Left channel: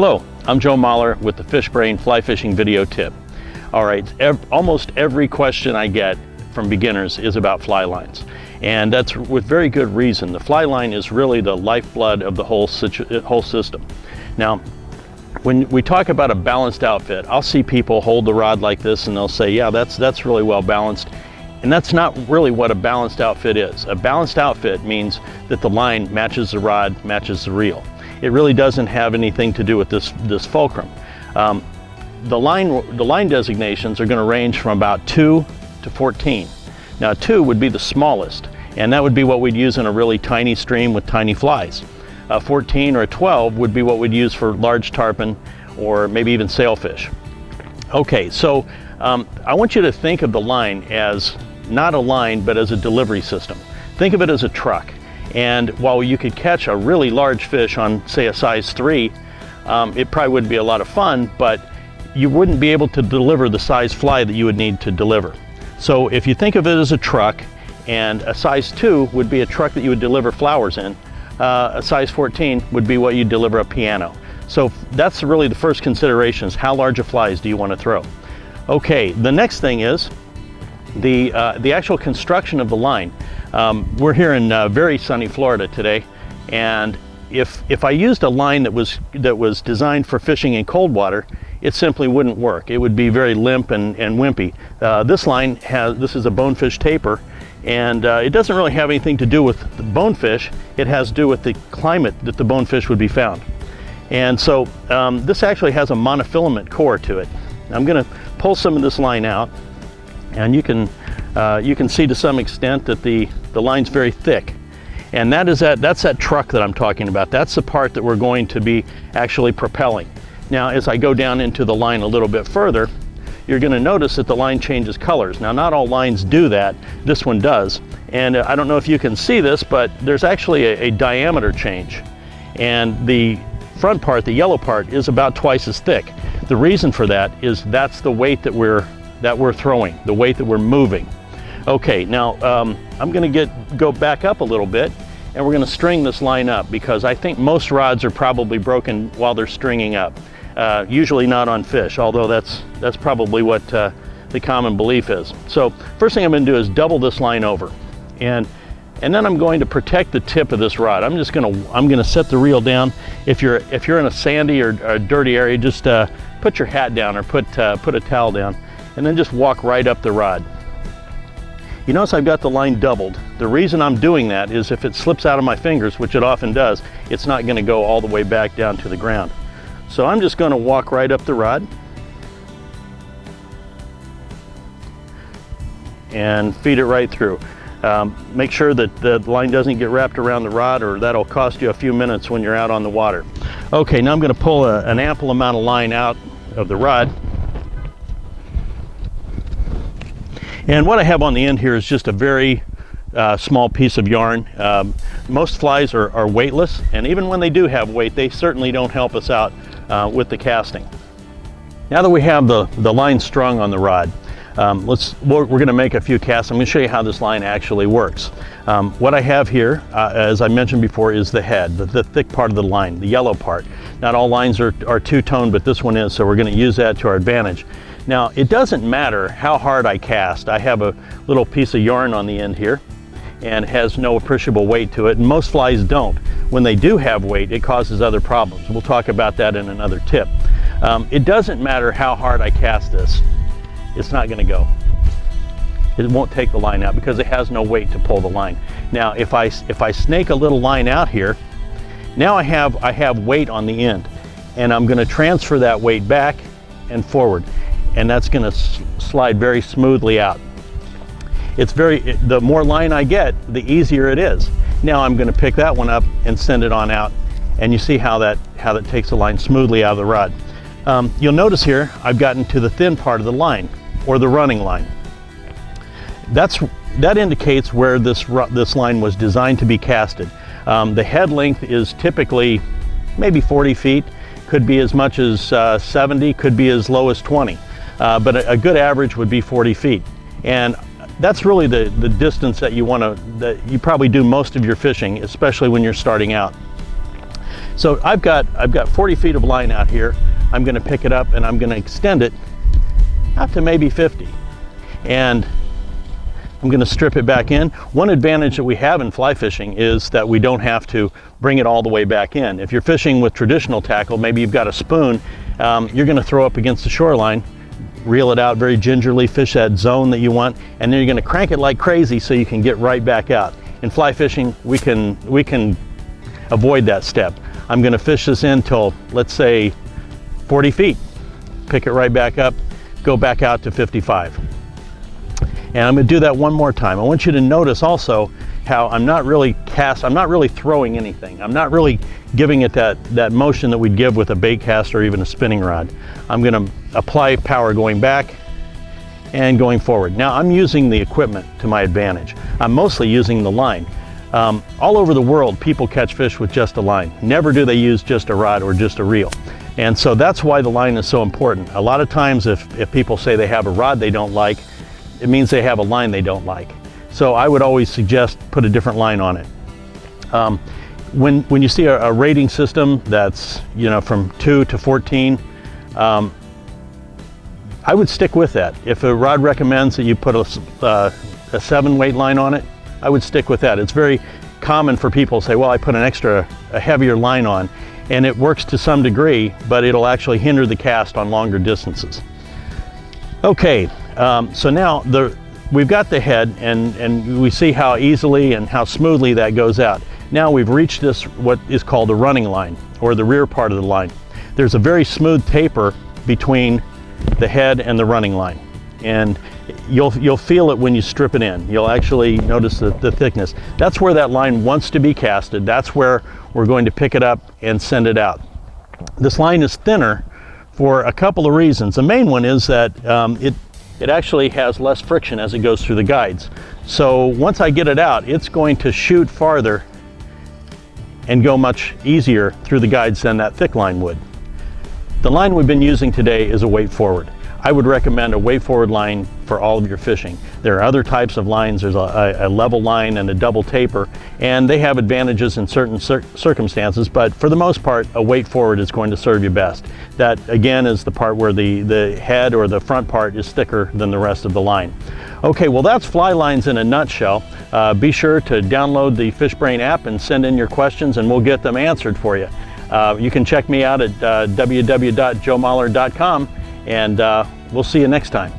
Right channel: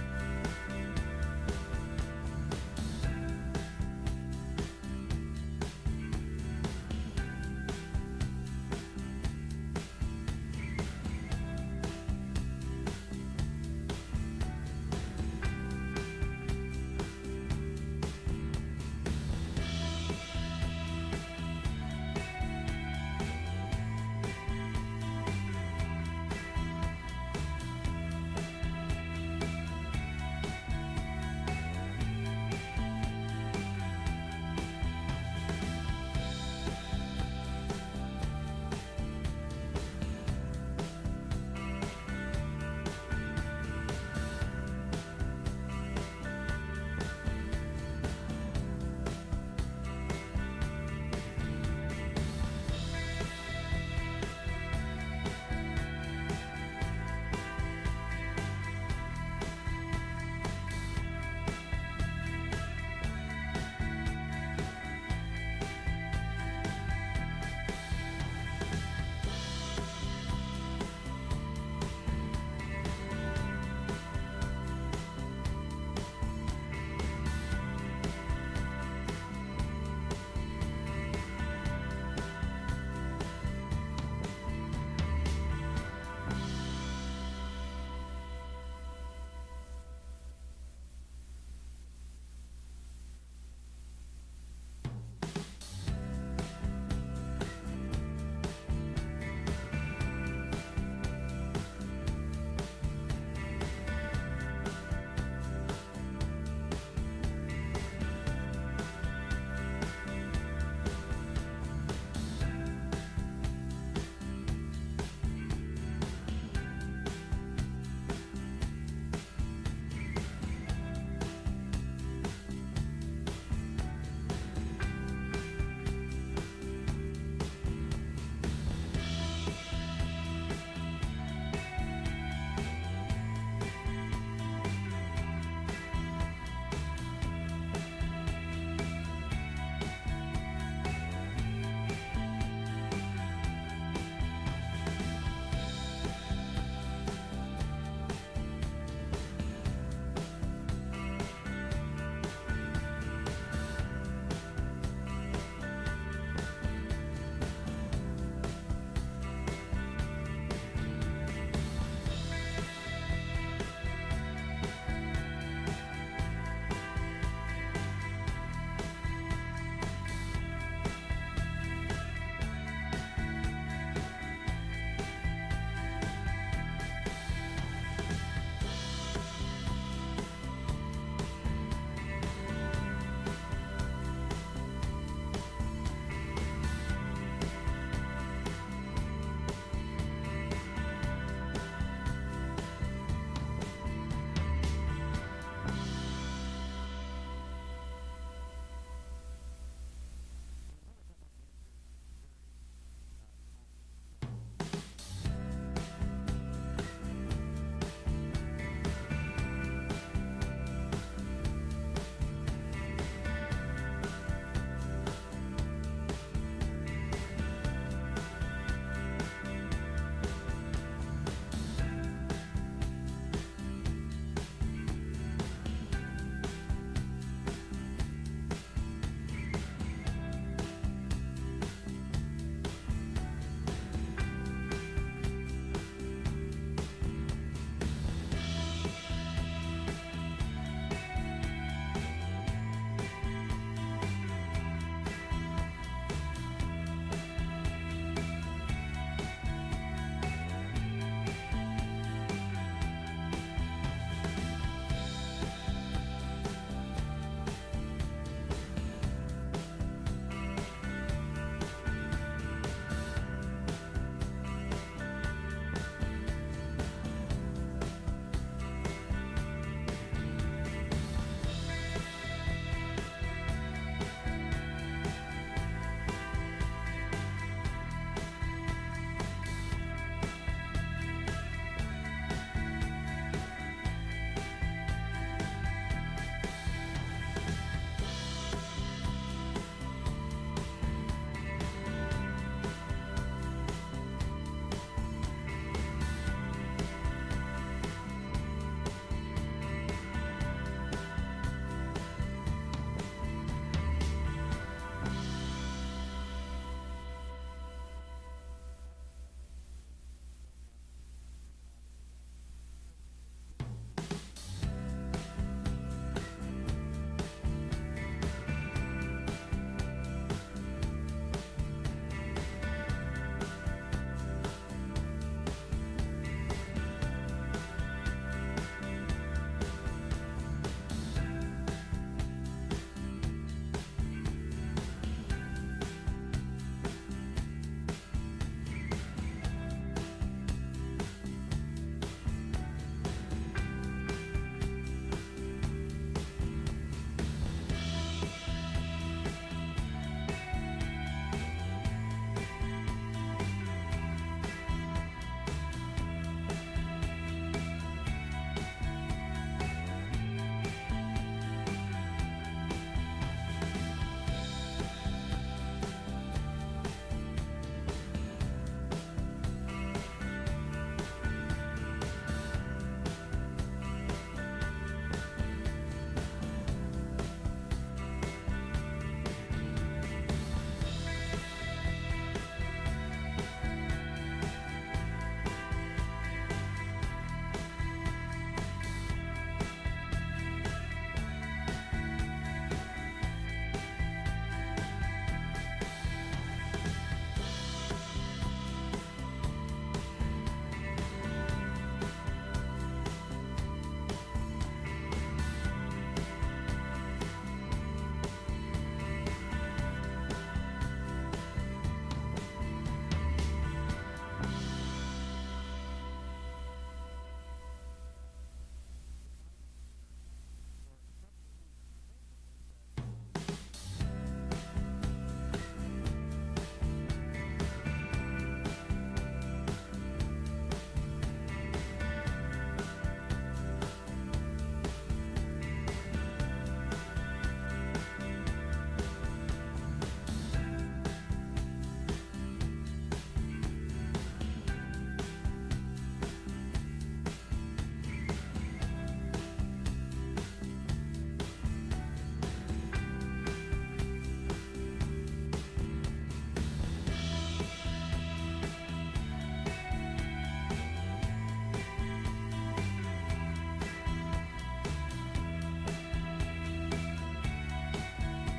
Hello, I'm Joe Mahler with the Fish Brain Fly Fishing Video Tip. All right, almost every question I get from beginners is about fly lines. And that's with very good reason. The fly line is really the lifeblood of the whole system. Now, when we talk about a balanced outfit, I'll see people hold the rod like this and they'll say, yeah, that's really well balanced. And that's not really what a balanced outfit is. A balanced outfit means that the line matches the rod, matches the reel. It really doesn't have anything to do with this fulcrum. The line designations are going to range from about 2 to 14. Now 2 would be the smallest, and that would be what we'd use in a really tiny stream with tiny flies. A 14 or a 12 would be what we'd use for large tarpon or maybe even sailfish. Okay, so I want you to think of the line as not a line, but as a delivery system. Think of it as a truck. And while you could catch a really large fish on, say, a size 3, it probably wouldn't be a lot of fun, but you wouldn't be able to deliver the size fly that you would need to deliver. So if you think of it as a truck, and a size 2 would be a truck that you would deliver flowers in, a size 14 would be what you deliver a piano. So that's really the first consideration, is how large of flies do you want to throw? Okay, the next thing is the actual construction of the line. We're here in very sunny Florida today, and if I used a line that was designed for fishing in cold water, it simply wouldn't work. It would be very limp and wimpy. This line this is a bonefish taper, and it doesn't really have anything to do with the bonefish. It has to do with the climate that the bonefish would be found. And so this actually has a monofilament core to it. I'm going to pull some of this line out, and you can see to some extent that the line's very thick. And that's that truck that I'm talking about. That's the part that we're going to be actually propelling. Now, as I go down into the line a little bit further, you're going to notice that the line changes colors. Now, not all lines do that. This one does. And I don't know if you can see this, but there's actually a diameter change. And the front part, the yellow part, is about twice as thick. The reason for that is that's the weight that we're throwing, the weight that we're moving. Okay, now I'm going to go back up a little bit, and we're going to string this line up, because I think most rods are probably broken while they're stringing up. Usually not on fish, although that's probably what the common belief is. So first thing I'm going to do is double this line over, and then I'm going to protect the tip of this rod. I'm going to set the reel down. If you're in a sandy or a dirty area, just put your hat down or put a towel down, and then just walk right up the rod. You notice I've got the line doubled. The reason I'm doing that is if it slips out of my fingers, which it often does, it's not going to go all the way back down to the ground. So I'm just going to walk right up the rod and feed it right through. Make sure that the line doesn't get wrapped around the rod, or that'll cost you a few minutes when you're out on the water. Okay, now I'm going to pull an ample amount of line out of the rod. And what I have on the end here is just a very small piece of yarn. Most flies are weightless, and even when they do have weight, they certainly don't help us out with the casting. Now that we have the line strung on the rod, we're going to make a few casts. I'm going to show you how this line actually works. What I have here, as I mentioned before, is the head, the thick part of the line, the yellow part. Not all lines are two-tone, but this one is, so we're going to use that to our advantage. Now, it doesn't matter how hard I cast. I have a little piece of yarn on the end here, and it has no appreciable weight to it, and most flies don't. When they do have weight, it causes other problems. We'll talk about that in another tip. It doesn't matter how hard I cast this. It's not going to go. It won't take the line out because it has no weight to pull the line. Now, if I snake a little line out here, now I have weight on the end, and I'm going to transfer that weight back and forward, and that's going to slide very smoothly out. The more line I get, the easier it is. Now I'm going to pick that one up and send it on out, and you see how that takes the line smoothly out of the rod. You'll notice here I've gotten to the thin part of the line, or the running line. That indicates where this line was designed to be casted. The head length is typically maybe 40 feet, could be as much as 70, could be as low as 20. But a good average would be 40 feet. And that's really the distance that you probably do most of your fishing, especially when you're starting out. So I've got 40 feet of line out here. I'm going to pick it up and I'm going to extend it out to maybe 50. And I'm going to strip it back in. One advantage that we have in fly fishing is that we don't have to bring it all the way back in. If you're fishing with traditional tackle, maybe you've got a spoon, you're going to throw up against the shoreline, reel it out very gingerly, fish that zone that you want, and then you're going to crank it like crazy so you can get right back out. In fly fishing, we can avoid that step. I'm going to fish this in till, let's say, 40 feet, pick it right back up, go back out to 55. And I'm going to do that one more time. I want you to notice also how I'm not really throwing anything. I'm not really giving it that motion that we'd give with a bait cast or even a spinning rod. I'm going to apply power going back and going forward. Now I'm using the equipment to my advantage. I'm mostly using the line. All over the world, people catch fish with just a line. Never do they use just a rod or just a reel. And so that's why the line is so important. A lot of times if people say they have a rod they don't like, it means they have a line they don't like. So I would always suggest put a different line on it. When you see a rating system that's from 2 to 14, I would stick with that. If a rod recommends that you put a 7 weight line on it, I would stick with that. It's very common for people to say, well, I put a heavier line on, and it works to some degree, but it'll actually hinder the cast on longer distances. Okay, so now we've got the head, and we see how easily and how smoothly that goes out. Now we've reached this, what is called the running line, or the rear part of the line. There's a very smooth taper between the head and the running line, and you'll feel it when you strip it in. You'll actually notice the thickness. That's where that line wants to be casted. That's where we're going to pick it up and send it out. This line is thinner for a couple of reasons. The main one is that it actually has less friction as it goes through the guides. So once I get it out, it's going to shoot farther and go much easier through the guides than that thick line would. The line we've been using today is a weight forward. I would recommend a weight forward line for all of your fishing. There are other types of lines. There's a level line and a double taper, and they have advantages in certain circumstances, but for the most part, a weight forward is going to serve you best. That, again, is the part where the head or the front part is thicker than the rest of the line. Okay, well, that's fly lines in a nutshell. Be sure to download the FishBrain app and send in your questions, and we'll get them answered for you. You can check me out at www.joemahler.com, and we'll see you next time.